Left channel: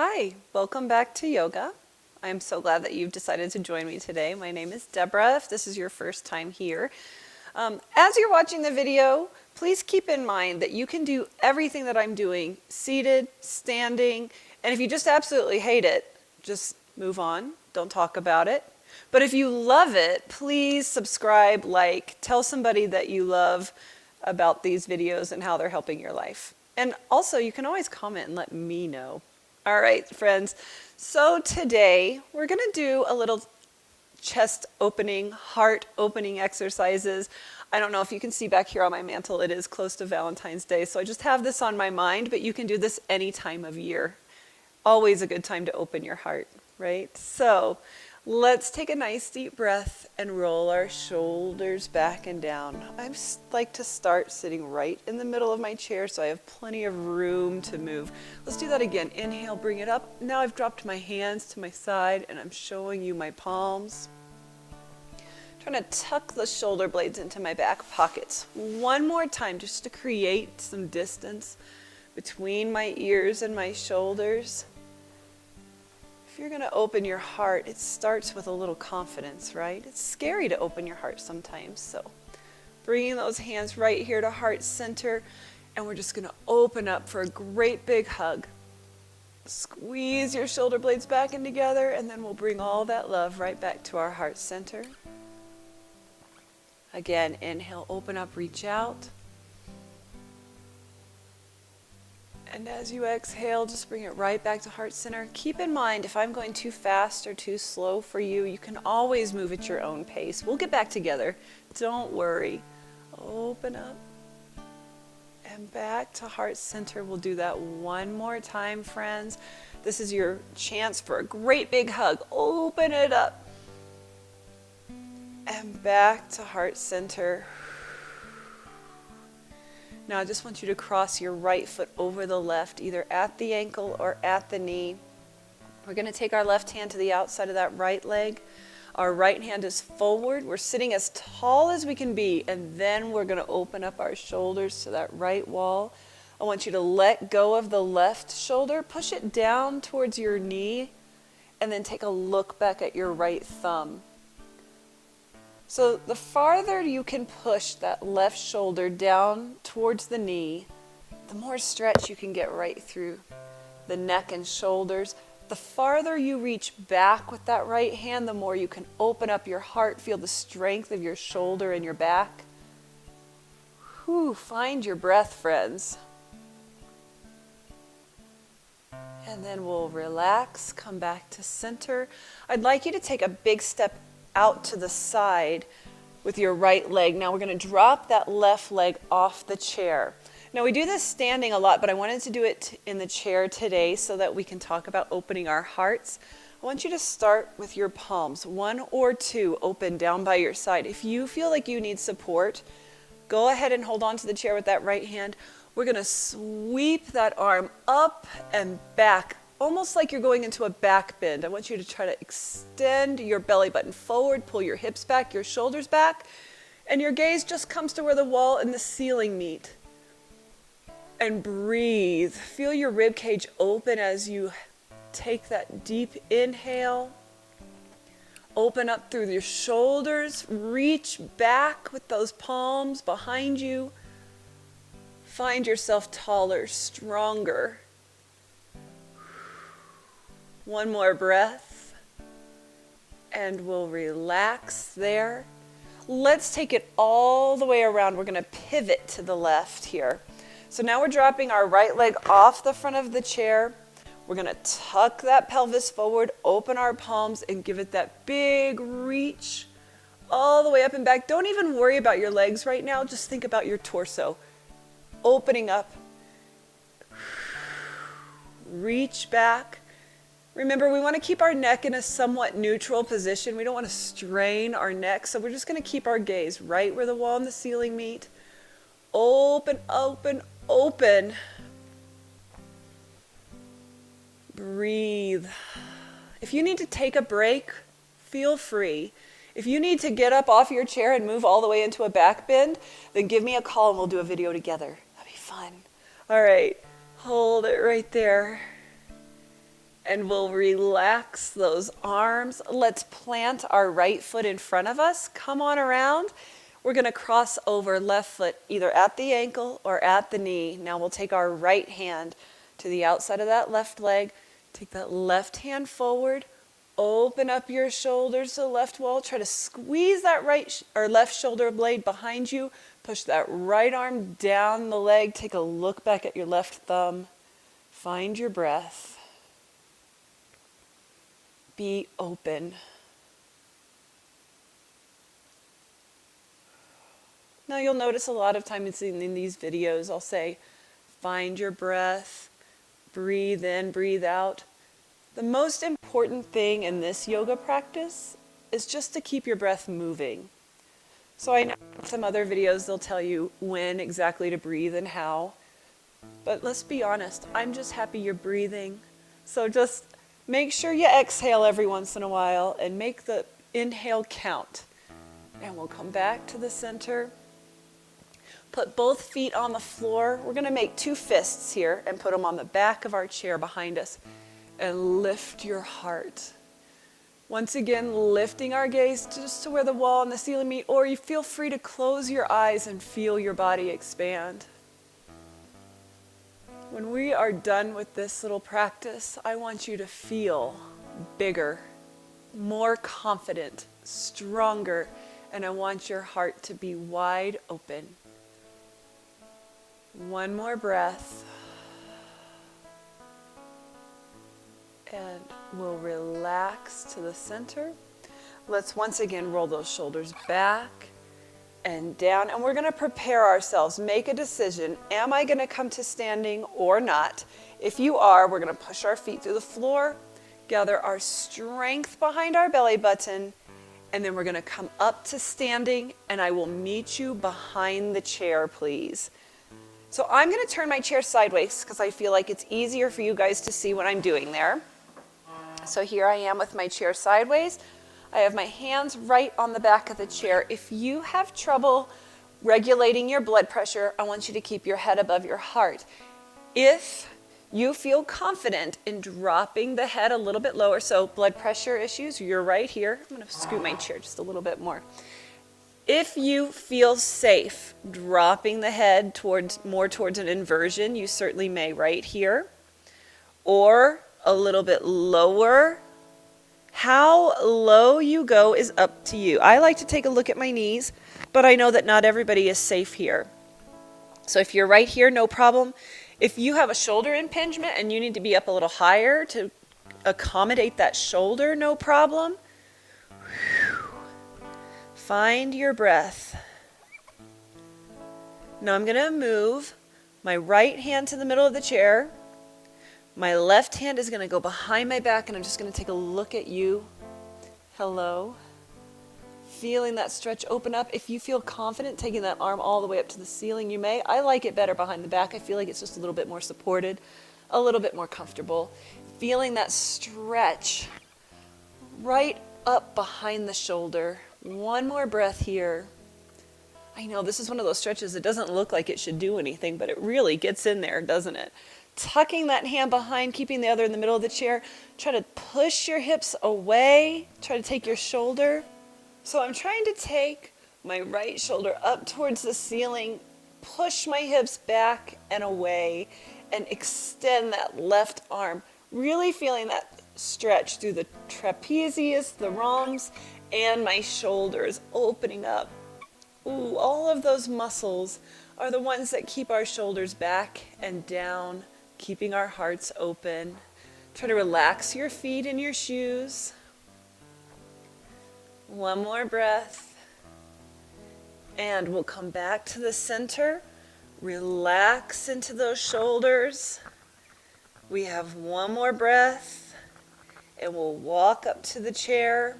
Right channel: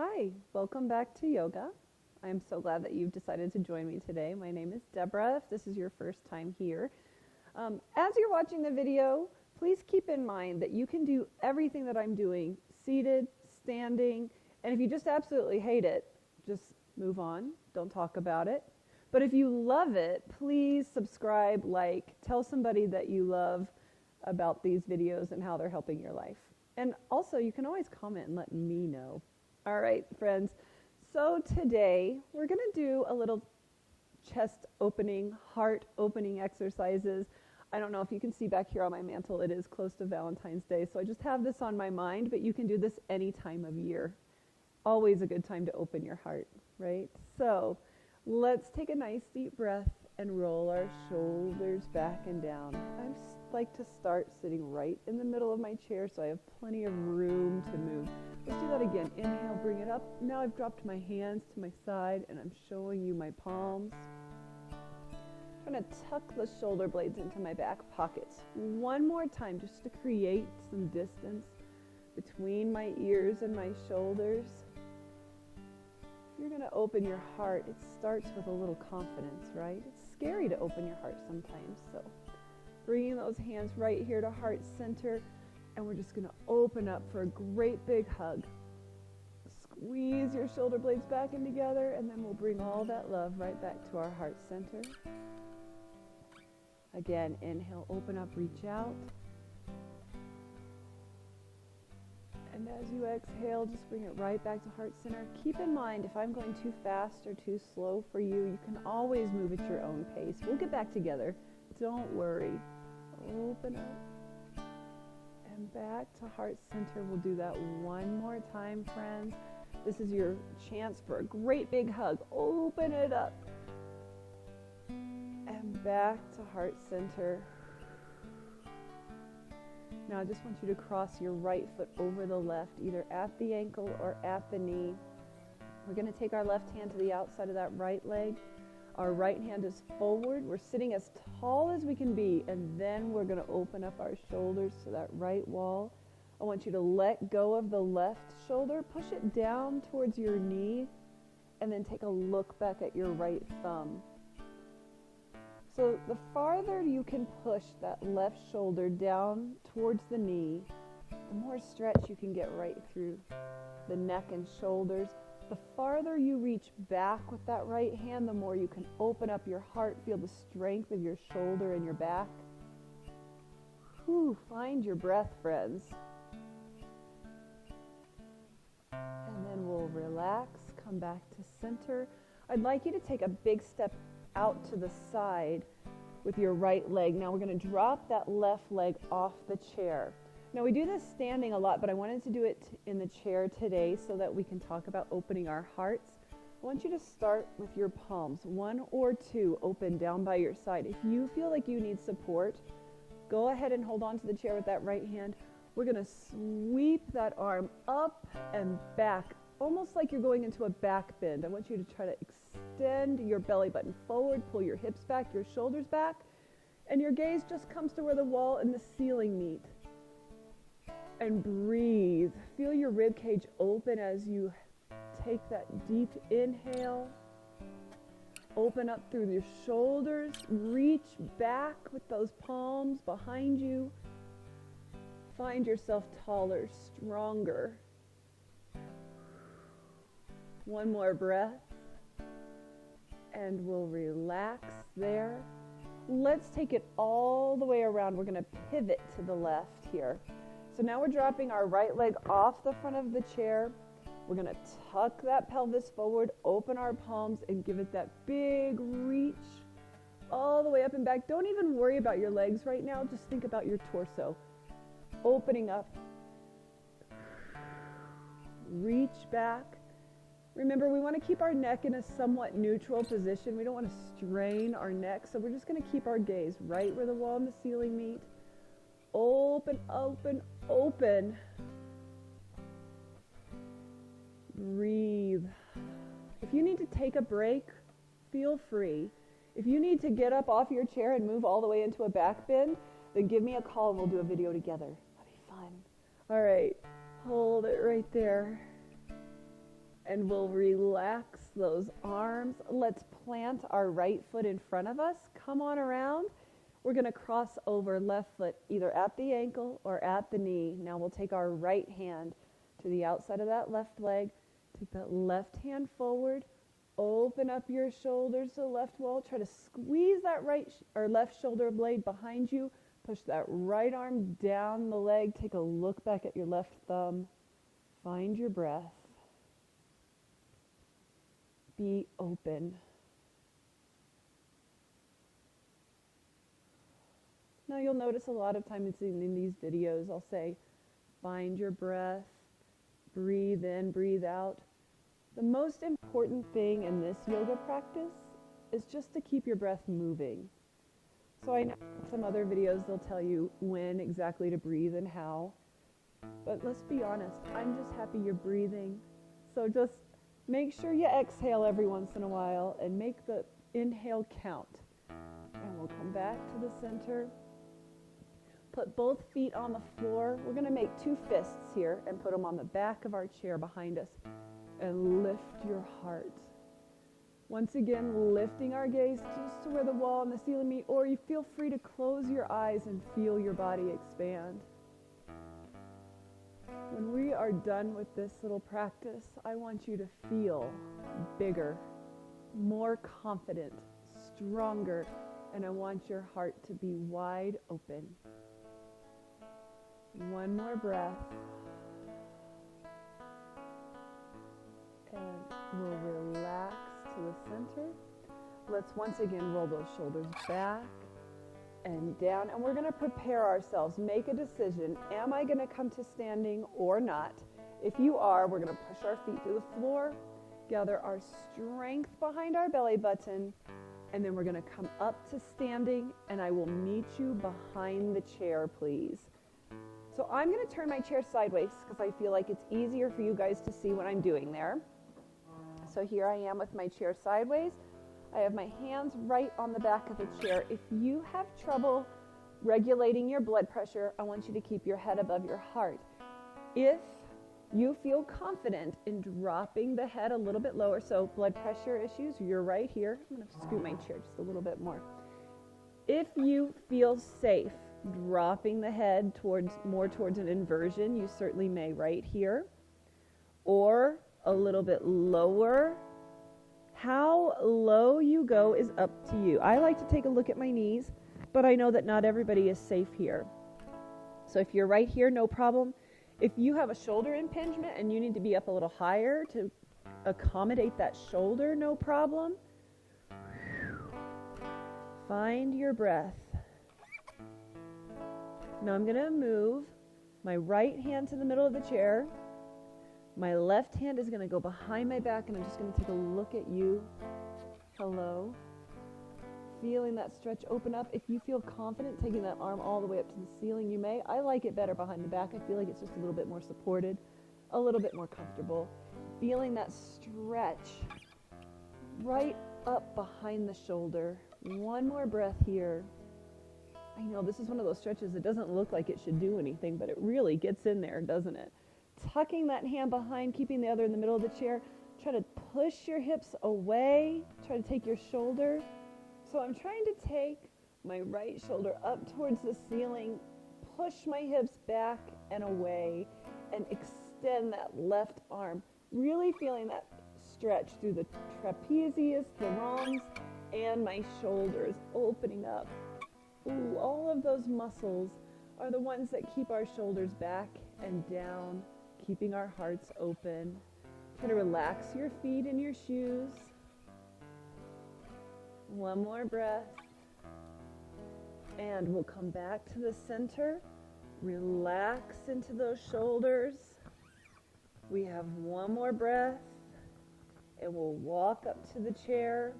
Hi, welcome back to yoga. I'm so glad that you've decided to join me today. My name is Deborah, if this is your first time here. As you're watching the video, please keep in mind that you can do everything that I'm doing, seated, standing, and if you just absolutely hate it, just move on, don't talk about it. But if you love it, please subscribe, like, tell somebody that you love about these videos and how they're helping your life. And also, you can always comment and let me know. All right, friends. So today we're going to do a little chest opening, heart opening exercises. I don't know if you can see back here on my mantle, it is close to Valentine's Day, so I just have this on my mind, but you can do this any time of year. Always a good time to open your heart, right? So let's take a nice deep breath and roll our shoulders back and down. I like to start sitting right in the middle of my chair so I have plenty of room to move. Let's do that again. Inhale, bring it up. Now I've dropped my hands to my side and I'm showing you my palms. Trying to tuck the shoulder blades into my back pockets. One more time just to create some distance between my ears and my shoulders. If you're going to open your heart, it starts with a little confidence, right? It's scary to open your heart sometimes. So bringing those hands right here to heart center, and we're just going to open up for a great big hug. Squeeze your shoulder blades back in together, and then we'll bring all that love right back to our heart center. Again, inhale, open up, reach out. And as you exhale, just bring it right back to heart center. Keep in mind, if I'm going too fast or too slow for you, you can always move at your own pace. We'll get back together. Don't worry. Open up and back to heart center. We'll do that one more time, friends. This is your chance for a great big hug. Open it up. And back to heart center. Now I just want you to cross your right foot over the left, either at the ankle or at the knee. We're going to take our left hand to the outside of that right leg. Our right hand is forward. We're sitting as tall as we can be, and then we're going to open up our shoulders to that right wall. I want you to let go of the left shoulder, push it down towards your knee, and then take a look back at your right thumb. So the farther you can push that left shoulder down towards the knee, the more stretch you can get right through the neck and shoulders. The farther you reach back with that right hand, the more you can open up your heart, feel the strength of your shoulder and your back. Whew, find your breath, friends. And then we'll relax, come back to center. I'd like you to take a big step out to the side with your right leg. Now we're going to drop that left leg off the chair. Now we do this standing a lot, but I wanted to do it in the chair today so that we can talk about opening our hearts. I want you to start with your palms, one or two open down by your side. If you feel like you need support, go ahead and hold on to the chair with that right hand. We're going to sweep that arm up and back, almost like you're going into a back bend. I want you to try to extend your belly button forward, pull your hips back, your shoulders back, and your gaze just comes to where the wall and the ceiling meet. And breathe. Feel your rib cage open as you take that deep inhale. Open up through your shoulders. Reach back with those palms behind you. Find yourself taller, stronger. One more breath, and we'll relax there. Let's take it all the way around. We're going to pivot to the left here. So now we're dropping our right leg off the front of the chair. We're going to tuck that pelvis forward, open our palms, and give it that big reach all the way up and back. Don't even worry about your legs right now. Just think about your torso. Opening up. Reach back. Remember, we want to keep our neck in a somewhat neutral position. We don't want to strain our neck, so we're just going to keep our gaze right where the wall and the ceiling meet. Open, open, open. Breathe. If you need to take a break, feel free. If you need to get up off your chair and move all the way into a back bend, then give me a call and we'll do a video together. That'd be fun. All right, hold it right there. And we'll relax those arms. Let's plant our right foot in front of us. Come on around. We're going to cross over left foot either at the ankle or at the knee. Now we'll take our right hand to the outside of that left leg. Take that left hand forward. Open up your shoulders to the left wall. Try to squeeze that right or left shoulder blade behind you. Push that right arm down the leg. Take a look back at your left thumb. Find your breath. Be open. Now you'll notice a lot of times in these videos I'll say, find your breath, breathe in, breathe out. The most important thing in this yoga practice is just to keep your breath moving. So I know in some other videos they'll tell you when exactly to breathe and how, but let's be honest, I'm just happy you're breathing. So just make sure you exhale every once in a while and make the inhale count. And we'll come back to the center. Put both feet on the floor. We're going to make 2 fists here and put them on the back of our chair behind us. And lift your heart. Once again, lifting our gaze just to where the wall and the ceiling meet, or you feel free to close your eyes and feel your body expand. When we are done with this little practice, I want you to feel bigger, more confident, stronger, and I want your heart to be wide open. One more breath. And we'll relax to the center. Let's once again roll those shoulders back and down. And we're going to prepare ourselves. Make a decision. Am I going to come to standing or not? If you are, we're going to push our feet through the floor, gather our strength behind our belly button, and then we're going to come up to standing, and I will meet you behind the chair, please. So I'm going to turn my chair sideways because I feel like it's easier for you guys to see what I'm doing there. So here I am with my chair sideways. I have my hands right on the back of the chair. If you have trouble regulating your blood pressure, I want you to keep your head above your heart. If you feel confident in dropping the head a little bit lower, so blood pressure issues, you're right here. I'm going to scoot my chair just a little bit more. If you feel safe dropping the head more towards an inversion, you certainly may right here, or a little bit lower. How low you go is up to you. I like to take a look at my knees, but I know that not everybody is safe here. So if you're right here, no problem. If you have a shoulder impingement and you need to be up a little higher to accommodate that shoulder, no problem. Find your breath. Now I'm going to move my right hand to the middle of the chair. My left hand is going to go behind my back, and I'm just going to take a look at you. Hello. Feeling that stretch open up. If you feel confident taking that arm all the way up to the ceiling, you may. I like it better behind the back. I feel like it's just a little bit more supported, a little bit more comfortable. Feeling that stretch right up behind the shoulder. One more breath here. I know this is one of those stretches that doesn't look like it should do anything, but it really gets in there, doesn't it? Tucking that hand behind, keeping the other in the middle of the chair. Try to push your hips away. Try to take your shoulder. So I'm trying to take my right shoulder up towards the ceiling, push my hips back and away, and extend that left arm. Really feeling that stretch through the trapezius, the rhombs, and my shoulders opening up. Ooh, all of those muscles are the ones that keep our shoulders back and down, keeping our hearts open. Try to relax your feet in your shoes. One more breath. And we'll come back to the center. Relax into those shoulders. We have one more breath. And we'll walk up to the chair.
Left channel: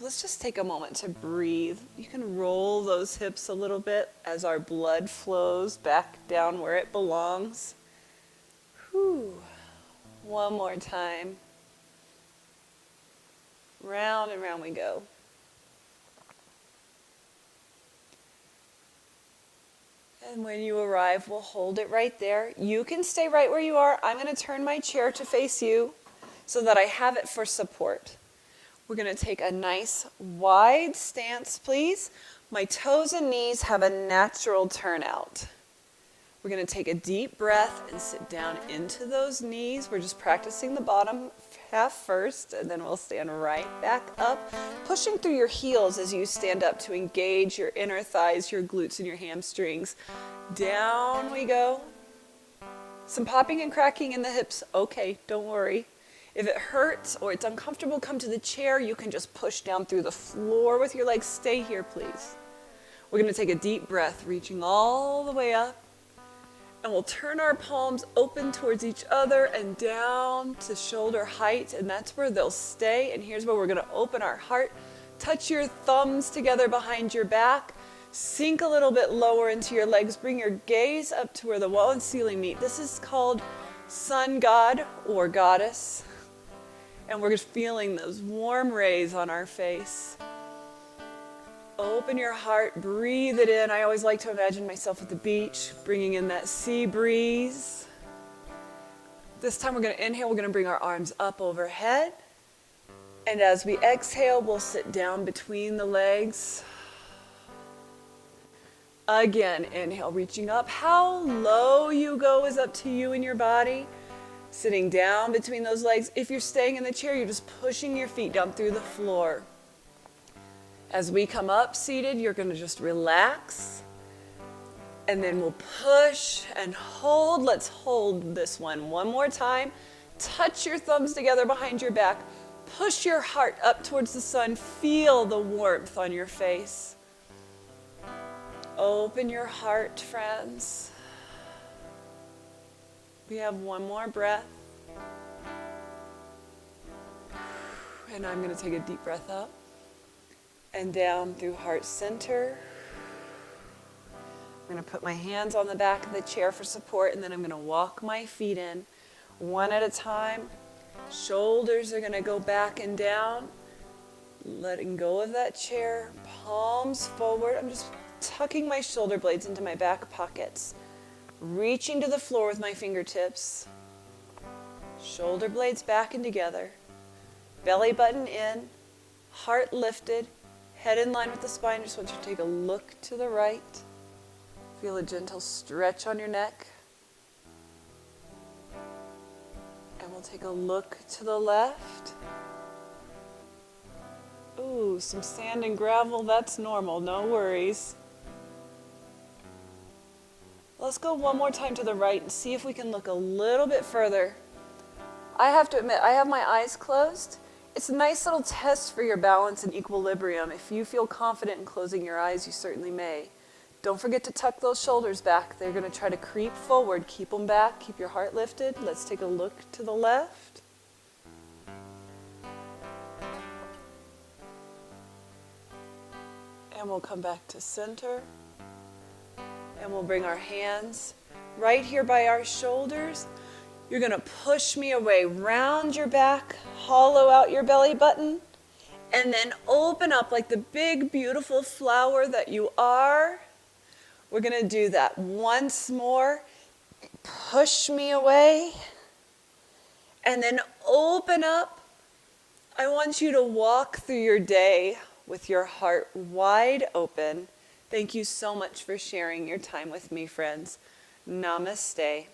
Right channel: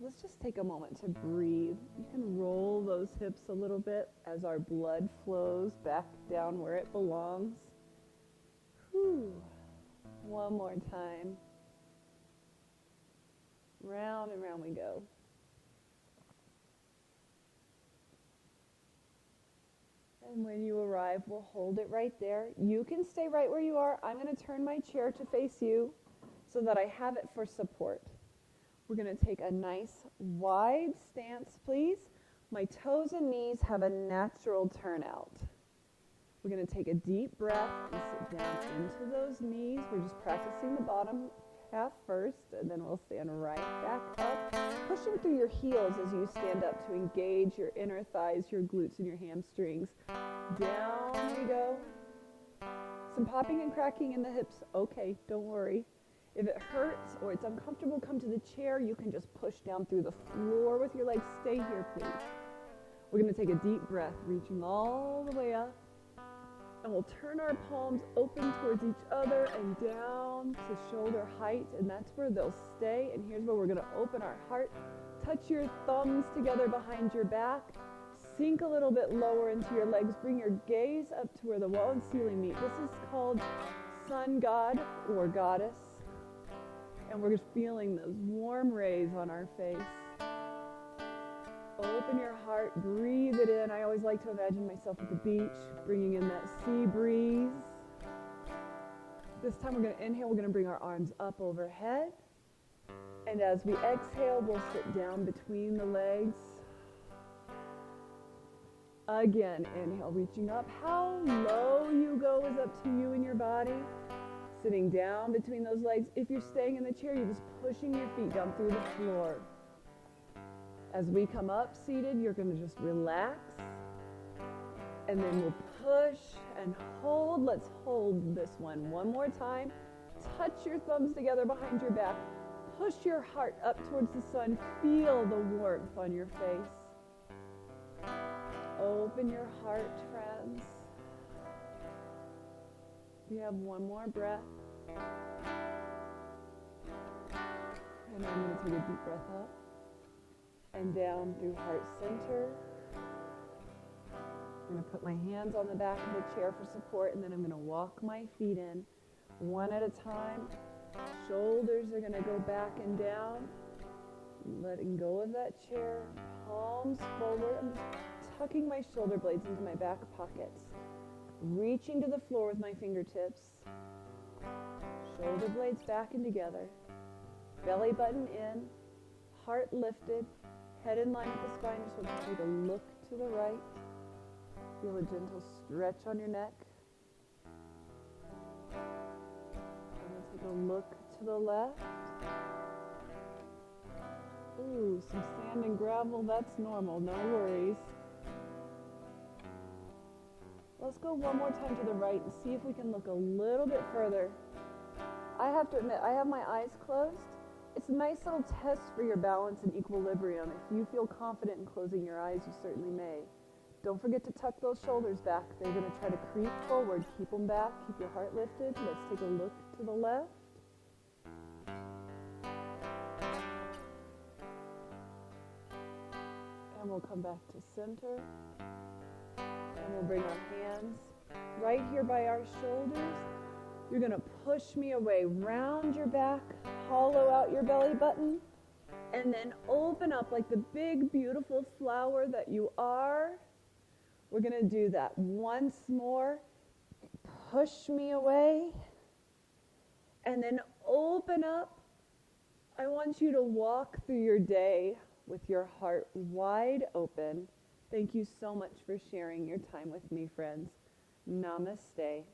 Let's just take a moment to breathe. You can roll those hips a little bit as our blood flows back down where it belongs. Whew. One more time. Round and round we go. And when you arrive, we'll hold it right there. You can stay right where you are. I'm going to turn my chair to face you so that I have it for support. We're going to take a nice wide stance, please. My toes and knees have a natural turnout. We're going to take a deep breath and sit down into those knees. We're just practicing the bottom half first, and then we'll stand right back up, pushing through your heels as you stand up to engage your inner thighs, your glutes, and your hamstrings. Down we go. Some popping and cracking in the hips. Okay, don't worry. If it hurts or it's uncomfortable, come to the chair. You can just push down through the floor with your legs. Stay here, please. We're going to take a deep breath, reaching all the way up. And we'll turn our palms open towards each other and down to shoulder height, and that's where they'll stay. And here's where we're going to open our heart. Touch your thumbs together behind your back. Sink a little bit lower into your legs. Bring your gaze up to where the wall and ceiling meet. This is called sun god or goddess. And we're just feeling those warm rays on our face. Open your heart, breathe it in. I always like to imagine myself at the beach, bringing in that sea breeze. This time we're going to inhale, we're going to bring our arms up overhead. And as we exhale, we'll sit down between the legs. Again, inhale, reaching up. How low you go is up to you and your body. Sitting down between those legs. If you're staying in the chair, you're just pushing your feet down through the floor. As we come up seated, you're going to just relax. And then we'll push and hold. Let's hold this one more time. Touch your thumbs together behind your back. Push your heart up towards the sun. Feel the warmth on your face. Open your heart, friends. We have one more breath. And I'm going to take a deep breath up and down through heart center. I'm going to put my hands on the back of the chair for support, and then I'm going to walk my feet in one at a time. Shoulders are going to go back and down. Letting go of that chair, palms forward. I'm just tucking my shoulder blades into my back pockets. Reaching to the floor with my fingertips. Shoulder blades back and together. Belly button in. Heart lifted. Head in line with the spine. Just want you to take a look to the right. Feel a gentle stretch on your neck. And we'll take a look to the left. Ooh, some sand and gravel. That's normal. No worries. Let's go one more time to the right and see if we can look a little bit further. I have to admit, I have my eyes closed. It's a nice little test for your balance and equilibrium. If you feel confident in closing your eyes, you certainly may. Don't forget to tuck those shoulders back. They're going to try to creep forward. Keep them back. Keep your heart lifted. Let's take a look to the left. And we'll come back to center. And we'll bring our hands right here by our shoulders. You're going to push me away, round your back, hollow out your belly button, and then open up like the big, beautiful flower that you are. We're going to do that once more. Push me away, and then open up. I want you to walk through your day with your heart wide open. Thank you so much for sharing your time with me, friends. Namaste.